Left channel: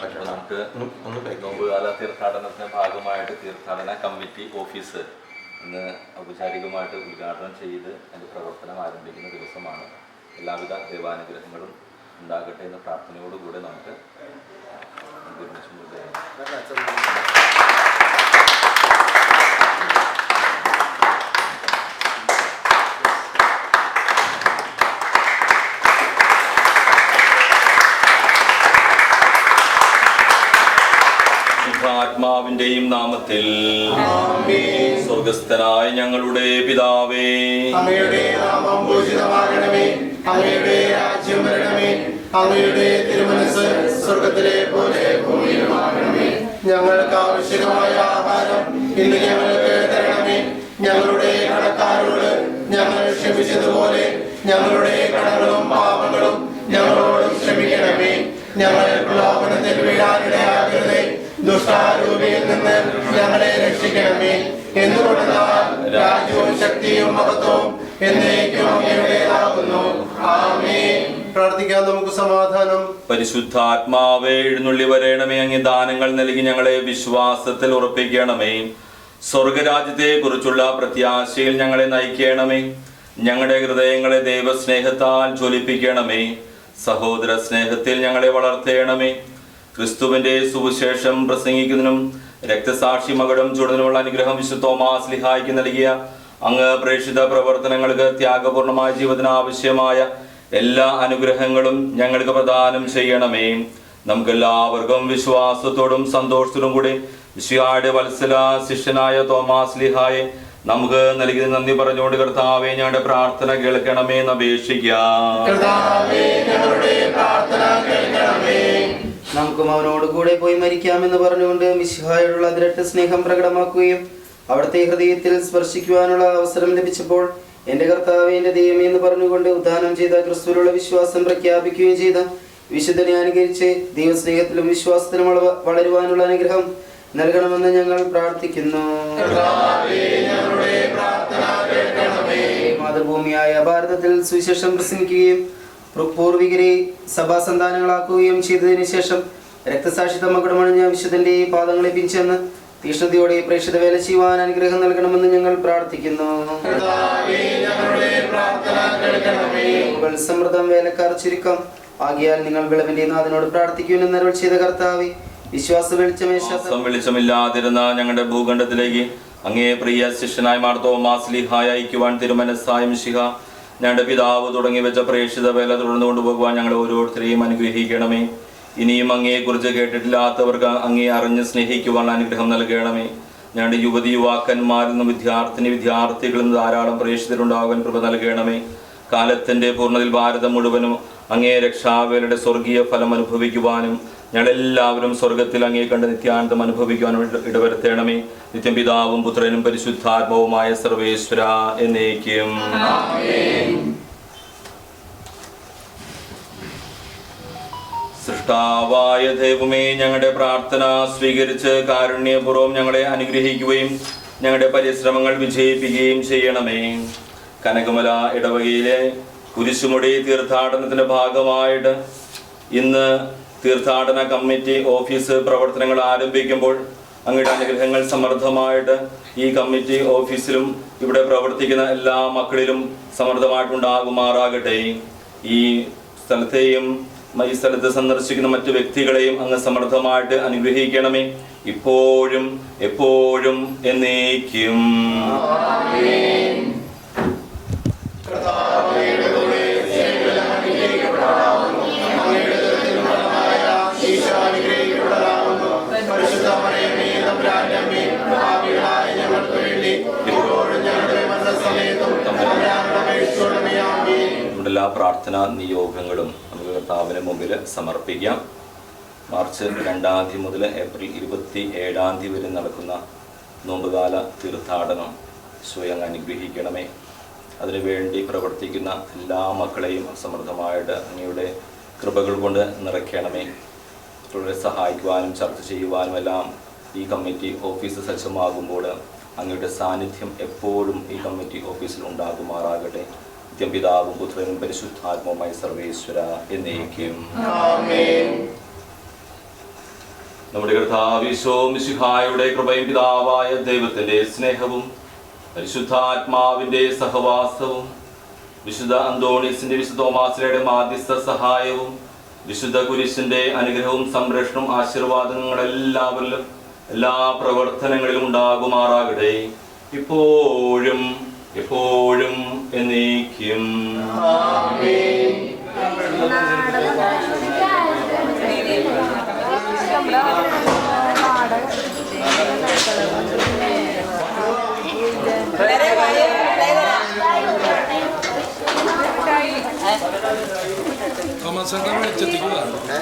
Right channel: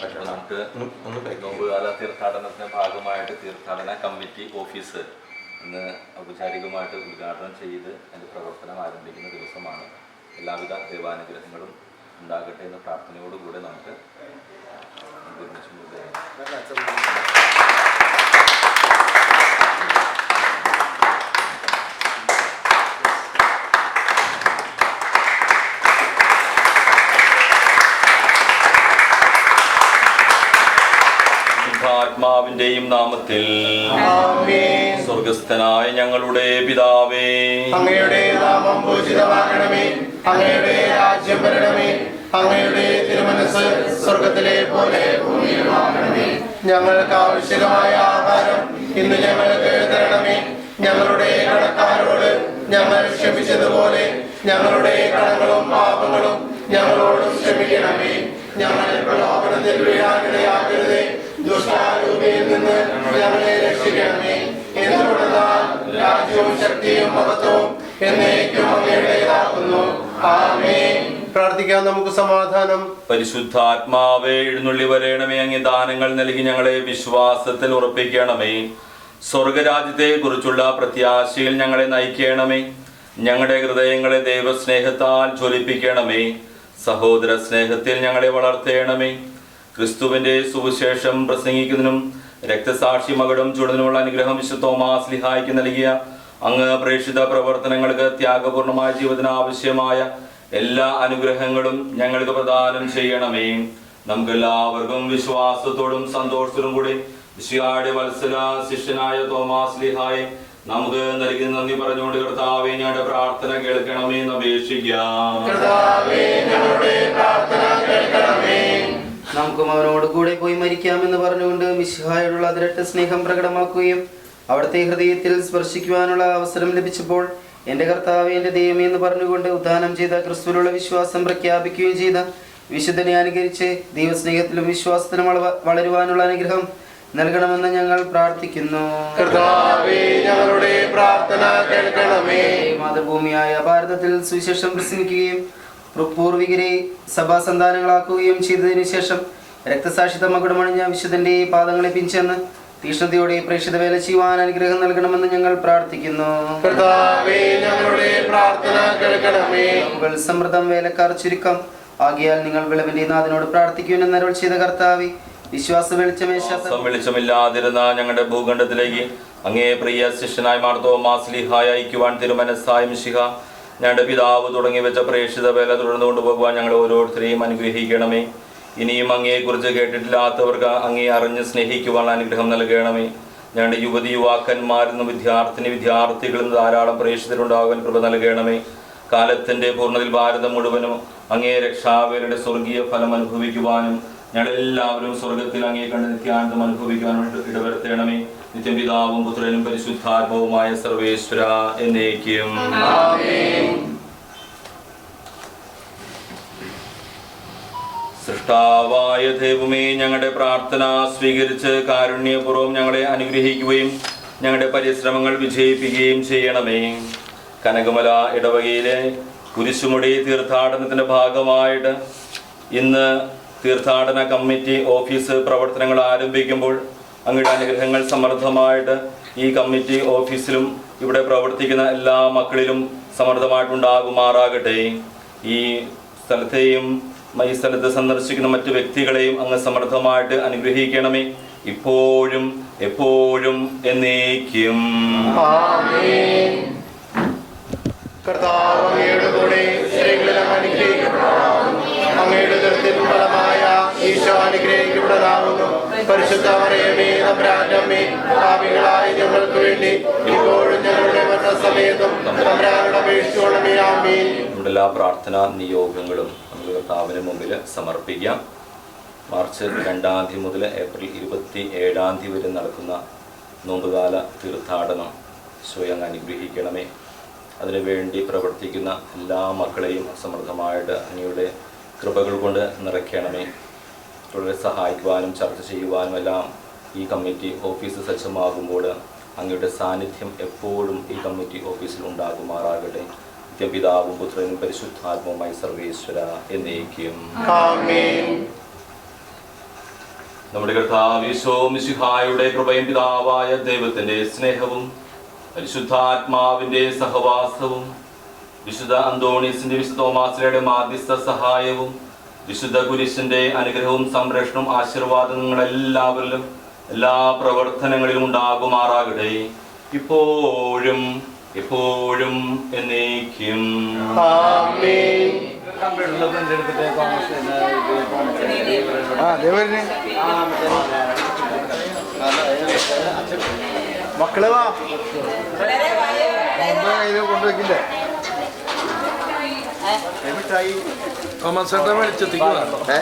അപ്പോൾ നമുക്ക് നോമ്പുകാല തീർത്ഥാടനത്തിന്റെ ഭാഗമായിട്ട് തീർത്ഥാടന കമ്മിറ്റി ഓഫീസ് ഇന്ന് ഔപചാരികമായിട്ട് ഉദ്ഘാടനം ചെയ്ത് അതിന്റെ പ്രവർത്തനം ആരംഭിക്കുന്ന ദിവസമാണ്. എല്ലാവിധ ദൈവാനുഗ്രഹങ്ങളും ഉണ്ടാകട്ടെ എന്ന പ്രാർത്ഥനയോടുകൂടെ നമുക്ക് ഒരുമിച്ച് മുന്നോട്ട് പോകാം. ശുദ്ധാത്മാവിന്റെയും നാമത്തിൽ സ്വർഗസ്ഥനായ ഞങ്ങളുടെ പിതാവേ. അങ്ങയുടെ നാമം പൂജിതമാകണമേ. അങ്ങയുടെ രാജ്യം വരണമേ. അങ്ങയുടെ തിരുമനസ് സ്വർഗത്തിലെ പോലെ ഭൂമിയിലുമാകണമേ. ഞങ്ങൾക്ക് ആവശ്യമായ ആഹാരം ഇന്ന് ഞങ്ങൾക്ക് തരണമേ. ഞങ്ങളുടെ കടക്കാരോട് ഞങ്ങൾ ക്ഷമിച്ചതുപോലെ ഞങ്ങളുടെ കടങ്ങളും പാപങ്ങളും ഞങ്ങളോട് ക്ഷമിക്കണമേ. ഞങ്ങൾ പ്രലോഭനത്തിൽ വീഴാനിടയാകരുതേ ദുഷ്ടാരൂപിയിൽ നിന്ന് ഞങ്ങളെ രക്ഷിക്കണമേ. എന്തുകൊണ്ടെന്നാൽ രാജ്യവും ശക്തിയും മഹത്വവും എന്നേക്കും അങ്ങയുടേതാകുന്നു. ആമേൻ. പ്രാർത്ഥിക്കാം നമുക്ക് സമാധാനം. പരിശുദ്ധാത്മാവേ എഴുന്നള്ളി വരേണമേ. അങ്ങ് ദാനങ്ങൾ നൽകി ഞങ്ങളെ വിശ്വാസത്തിൽ ഉറപ്പിക്കണമേ. സ്വർഗരാജ്യത്തെ കുറിച്ചുള്ള പ്രത്യാശയിൽ ഞങ്ങളെ നയിക്കണമേ. ഞങ്ങളുടെ ഹൃദയങ്ങളെ ദൈവസ്നേഹത്താൽ ജ്വലിപ്പിക്കണമേ. സഹോദര സ്നേഹത്തിൽ ഞങ്ങളെ വളർത്തേണമേ. ക്രിസ്തുവിന്റെ സുവിശേഷം പ്രസംഗിക്കുന്നതിനും രക്തസാക്ഷി മകടും ചൂടുന്നതിനുമുള്ള അനുഗ്രഹം വിശുദ്ധ തോമാസ് ലിഹായ്ക്ക് നൽകിയ അങ്ങ് പ്രേക്ഷിത പ്രവർത്തനങ്ങൾക്ക് ത്യാഗപൂർണമായ ജീവിതത്തിന് ആവശ്യമായ എല്ലാ അനുഗ്രഹങ്ങളും ഞങ്ങൾക്ക് പ്രദാനം ചെയ്യണമേ. നമുക്കെല്ലാവർക്കും വിശ്വാസത്തോടും സന്തോഷത്തോടും കൂടി വിശ്വയുടെ വത്സല ശിഷ്യനായ തോമാസ് ലിഹായെ നമുക്ക് നൽകി നന്ദി പറഞ്ഞുകൊണ്ട് കർത്താവെ ഞങ്ങളുടെ പ്രാർത്ഥന കേൾക്കണമേ എന്ന് അപേക്ഷിക്കാം. നമുക്കും അവനോട് കൂടെ പോയി മരിക്കാമെന്ന് പറഞ്ഞുകൊണ്ട് മിശിഹായോടുള്ള അതിരട്ട സ്നേഹം പ്രകടമാക്കുകയും അവിടുത്തെ ഹൃദയത്തിൽ സ്പർശിക്കുവാനുള്ള അവസരം ലഭിച്ചപ്പോൾ എന്റെ കർത്താവ് എന്റെ ദൈവമേ എന്ന് പറഞ്ഞുകൊണ്ട് ഉദാനം ചെയ്ത ക്രിസ്തുവിലുള്ള വിശ്വാസം പ്രഖ്യാപിക്കുകയും ചെയ്ത വിശുദ്ധനെ അനുകരിച്ച് ദൈവസ്നേഹത്തിലും വിശ്വാസത്തിലും വളരുവാനുള്ള അനുഗ്രഹം നൽകണമെന്ന് ഞങ്ങൾ പ്രാർത്ഥിക്കുന്നു. മാതൃഭൂമിയായ ഭാരതത്തിൽ സുവിശേഷം പ്രസംഗിക്കുകയും പൂർവികരെ സഭാസന്താനങ്ങളാക്കുകയും ചെയ്തതിനു ശേഷം രക്തസാക്ഷിത്വ മകുടമണിഞ്ഞ വിശുദ്ധന്റെ പാദങ്ങളെ പിഞ്ചെന്ന് തീഷ്ണതയോടെ പ്രേക്ഷിത വേല ചെയ്യുവാൻ അനുഗ്രഹം നൽകണമെന്ന് ഞങ്ങൾ പ്രാർത്ഥിക്കുന്നു. കർത്താവേ ഞങ്ങളുടെ പ്രാർത്ഥന കേൾക്കണമേ. മുകൾ സമൃദ്ധം വേലക്കാർ ചുരുക്കം. ആകിയാൽ നിങ്ങൾ വിളവിന്റെ നാഥനോട് പ്രാർത്ഥിക്കുമെന്ന് അരുൾ ചെയ്ത കർത്താവി വിശ്വാസ വെളിച്ചമേ ശബ്ദം വെളിച്ചമില്ലാതിരുന്ന ഞങ്ങളുടെ ഭൂഖണ്ഡത്തിലേക്ക് അങ്ങേ പ്രിയ ശിഷ്യനായ മാർത്തോ മാസ്ലിഹായ അയക്കുവാൻ തിരുമനസായം ശിഹ ഞങ്ങളുടെ പിതാവ് തുടങ്ങി വെച്ച പ്രേക്ഷിത വേല തുടർന്നു കൊണ്ടുപോകുവാൻ ഞങ്ങൾ ഓരോരുത്തരെയും അനുഗ്രഹിക്കണമേ. ഇനിയും അങ്ങയെക്കുറിച്ച് കേട്ടിട്ടില്ലാത്തവർക്ക് അങ്ങേ അറിഞ്ഞ് സ്നേഹിക്കുവാൻ അനുഗ്രഹം നൽകണമേ. ഞങ്ങളുടെ യുവതി യുവാക്കന്മാരിൽ നിന്നും വിദ്യാർത്ഥിനി വിദ്യാർത്ഥികളിൽ നിന്ന് ധാരാളം പ്രേക്ഷിതരുണ്ടാകുവാൻ കൃപ നൽകണമേ. കാലത്തിന്റെ പൂർണതിൽ ഭാരതം മുഴുവനും അങ്ങേ രക്ഷാവേലയുടെ സ്വർഗീയ ഫലം അനുഭവിക്കുവാനും ഞങ്ങളെല്ലാവരും സ്വർഗത്തിൽ അങ്ങേ കണ്ട് നിത്യാനന്ദം അനുഭവിക്കുവാനും ഇടവരുത്തണമേ. നിത്യം പിതാവും പുത്രനും പരിശുദ്ധാത്മാവുമായ സർവേശ്വര എന്നേക്കും. സൃഷ്ടാവായ ദൈവമേ ഞങ്ങളുടെ പ്രാർത്ഥന സ്വീകരിച്ച് കാരുണ്യപൂർവം ഞങ്ങളെ അനുഗ്രഹിക്കുകയും ഞങ്ങളുടെ പരിശ്രമങ്ങൾ വിജയിപ്പിക്കുകയും ചെയ്യണമേ. കനകമല ഇടവകയിലെ കുരിശുമുടി തീർത്ഥാടനത്തിന്റെ ഭാഗമായിട്ട് ഇന്ന് തീർത്ഥാടന കമ്മിറ്റി ഓഫീസ് പ്രവർത്തനങ്ങൾ ആരംഭിക്കുമ്പോൾ അങ്ങയുടെ അനുഗ്രഹങ്ങൾ സമൃദ്ധമായിട്ട് ഈ കമ്മിറ്റി ഓഫീസിലും ഇവിടെ പ്രവർത്തിക്കുന്ന എല്ലാ മക്കളിലും സമൃദ്ധമായിട്ടുണ്ടാകുമാറാകട്ടെ. ഈ സ്ഥലത്തെയും ഈ സ്ഥലത്ത് സന്ദർശിക്കുന്ന മറ്റു വ്യക്തികളെയും അങ്ങ് സമൃദ്ധമായിട്ട് അനുഗ്രഹിക്കണമേ. ഇപ്പോഴും എപ്പോഴും എന്നേക്കും. നമ്മുടെ എല്ലാ പ്രാർത്ഥനാ നിയോഗങ്ങളും കർത്താവിന് മുമ്പിൽ സമർപ്പിക്കാം. മാർച്ച് രണ്ടാം തീയതി മുതൽ ഏപ്രിൽ ഇരുപത്തി ഏഴാം തീയതി വരെ നടക്കുന്ന നോമ്പുകാല തീർത്ഥാടനം സ്വയം അനുഗ്രഹിക്കണമേ. അതിനുവേണ്ടി പ്രവർത്തിക്കുന്ന എല്ലാ മക്കളെയും സമൃദ്ധമായിട്ട് അങ്ങയുടെ കൃപകൾ കൊണ്ട് നിറയ്ക്കണമേ. തുടരെ സഹായിക്കുവാനും ചർച്ച ചെയ്യുവാനും എല്ലാം ഈ കമ്മിറ്റി ഓഫീസ് സജ്ജമാകുമ്പോൾ അങ്ങയുടെ സാന്നിധ്യം എപ്പോഴും ഈ കമ്മിറ്റി ഓഫീസിൽ ഉണ്ടാകുമാറാകട്ടെ. നിത്യം പിതാവും പുത്രനും പരിശുദ്ധാത്മവുമായി സർവേശ്വര എന്നേക്കും. നമ്മുടെ കർത്താവിശോ മിശിഹായുടെ കൃപയും പിതാവായ ദൈവത്തിന്റെ സ്നേഹവും പരിശുദ്ധാത്മാവിന്റെ സഹവാസവും വിശുദ്ധ അന്തോണീസിന്റെ വിശുദ്ധ തോമാസിലയുടെ മാധ്യസ്ഥ സഹായവും വിശുദ്ധ കുരിശിന്റെ അനുഗ്രഹവും സംരക്ഷണവും ആശീർവാദങ്ങളെല്ലാവരിലും എല്ലാ പ്രവർത്തനങ്ങളിലും ഉണ്ടാകുമാറാകട്ടെ. ഇപ്പോഴും എപ്പോഴും എന്നേക്കും. മക്കളെ തോമസ് വെളിച്ചെത്തിക്കുക ഏ?